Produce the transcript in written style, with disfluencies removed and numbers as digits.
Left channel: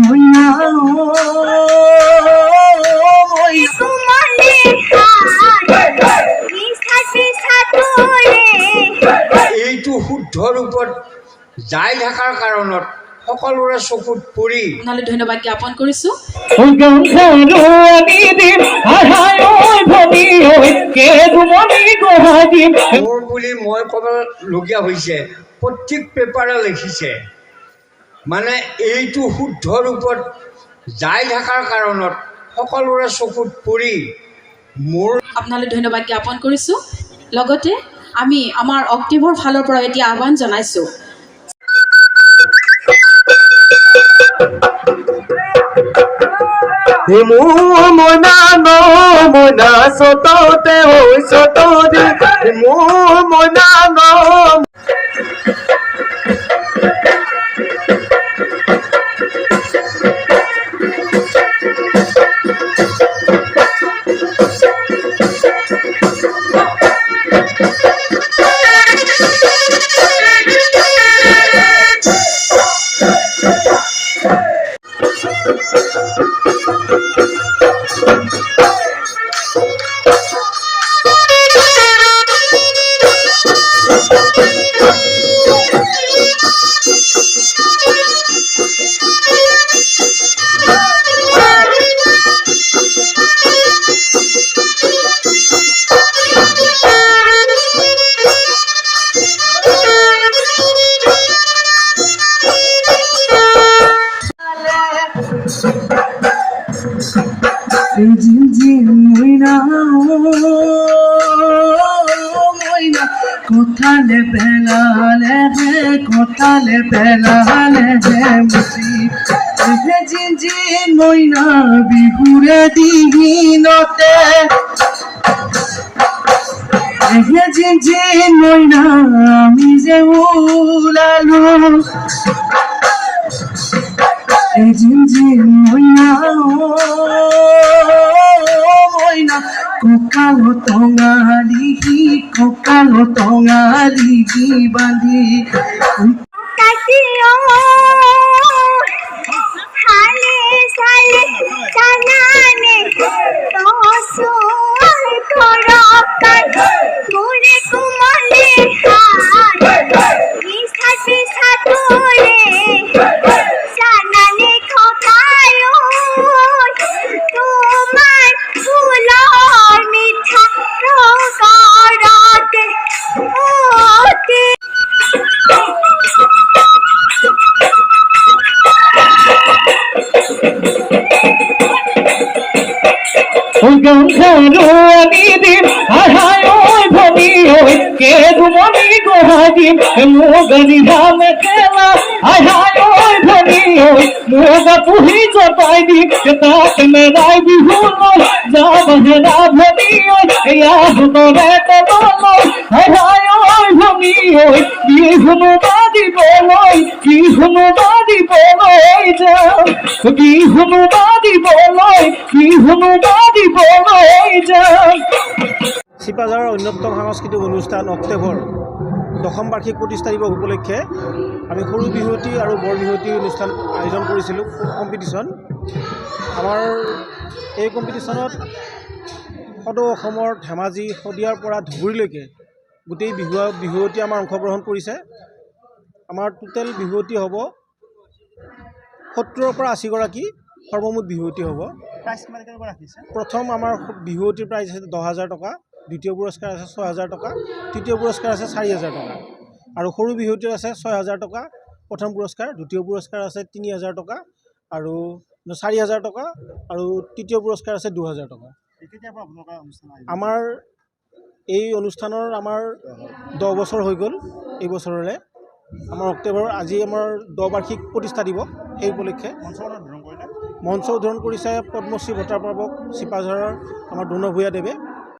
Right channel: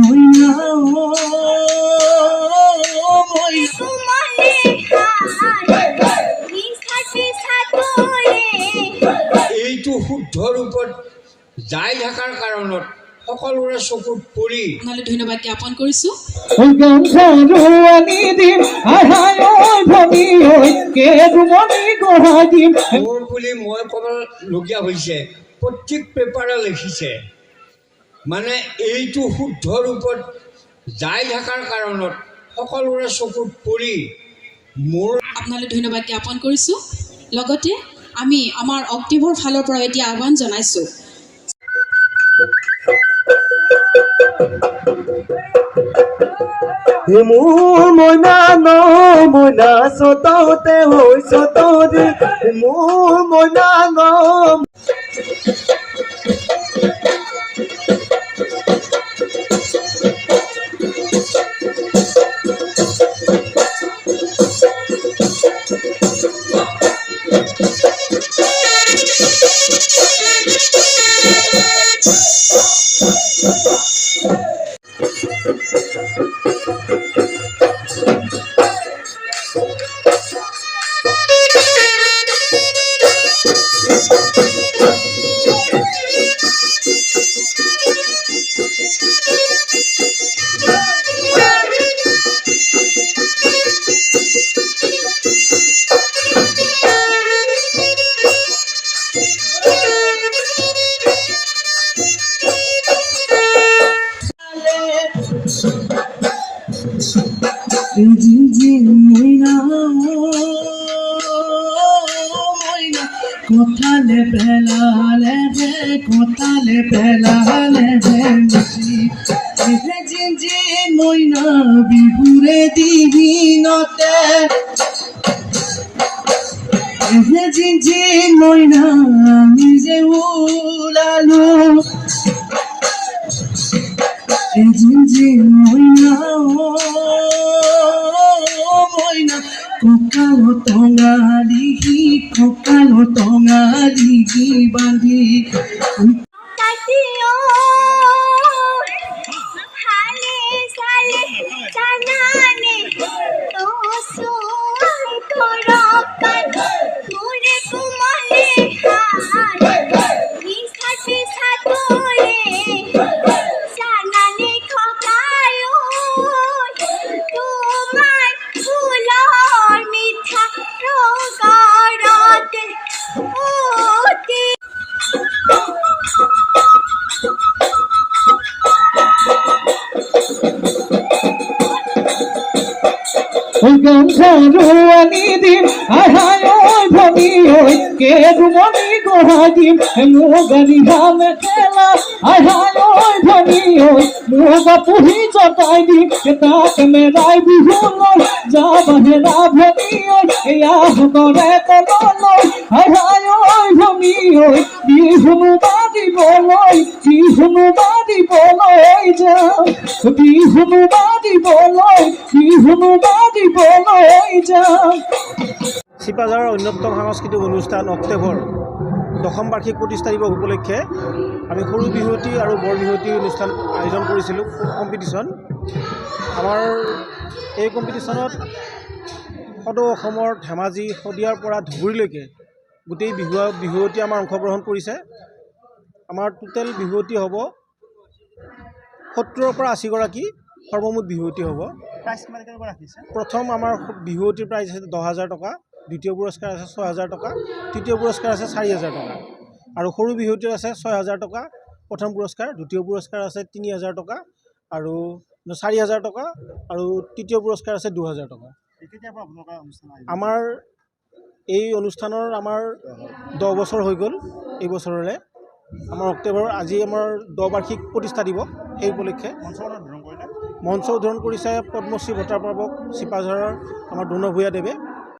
মইনা এইটো শুদ্ধ ৰূপত যাই থকাৰ কাৰণত সকলোৰে চকুত পৰি আপোনালৈ ধন্যবাদ জ্ঞাপন কৰিছো। মোৰ বুলি মই ক'বলগীয়া হৈছে প্ৰত্যেক পেপাৰে লিখিছে মানে এইটো শুদ্ধ ৰূপত যাই থকাৰ কাৰণত সকলোৰে চকুত পৰি মোৰ আপোনালৈ ধন্যবাদ জ্ঞাপন কৰিছো। লগতে আমি আমাৰ অক্টিভৰ ফালৰ পৰা এতিয়া আহ্বান জনাইছো। মইনা ন মইনা চততে হৈ চততে মইনা ন কোথালে পেলালে হে কোথালে পেলালে হে মুচি জিঞ্জি মইনা বিহুৰে দিনতে জিঞ্জি মইনা আমি যে ওলালো জিঞ্জি মইনা মইনা কঁকালো টঙালি বান্ধি চিপাঝাৰৰ অন্যতম সাংস্কৃতিক অনুষ্ঠান অক্টোবৰ দশম বাৰ্ষিক প্ৰতিষ্ঠা দিৱস উপলক্ষে আমি সৰু বিহুৱতী আৰু বৰ বিহুৱতী অনুষ্ঠান আয়োজন কৰিছিলোঁ কম্পিটিশ্যন। আমাৰ এই কম্পিটিশ্যনত সদৌ অসমৰ ধেমাজি শদিয়াৰ পৰা ধুবুৰীলৈকে গোটেই বিহুৱতী আমাৰ অংশগ্ৰহণ কৰিছে। আমাৰ টোটেল বিহুৱতী হ'ব 70ৰ পৰা 80গৰাকী সৰ্বমুঠ বিহুৱতী হ'ব। প্ৰথম আমাৰ বিহুৱতীৰ প্ৰাইজ আছে 10,000 টকা, দ্বিতীয় পুৰস্কাৰ আছে 6,000 টকা, তৃতীয় পুৰস্কাৰ আছে 4,000 টকা আৰু সৰু বিহুৱতীৰ আছে 6,000 টকা প্ৰথম পুৰস্কাৰ, দ্বিতীয় পুৰস্কাৰ আছে 3,000 টকা আৰু 4,000 টকা আৰু তৃতীয় পুৰস্কাৰ আছে 2,000 টকা। আমাৰ এই অনুষ্ঠানৰ আমাৰ 10 বছৰ হৈ গ'ল। এই বছৰৰে আমাৰ অক্টোবৰ আজি আমাৰ 10 বাৰ্ষিক প্ৰতিষ্ঠা দিৱস। সেই উপলক্ষে মঞ্চ উদ্বোধন কৰিছে পদ্মশ্ৰী বঁটা প্ৰাপক চিপাঝাৰৰ আমাৰ দৌন ভূঞা দেৱে।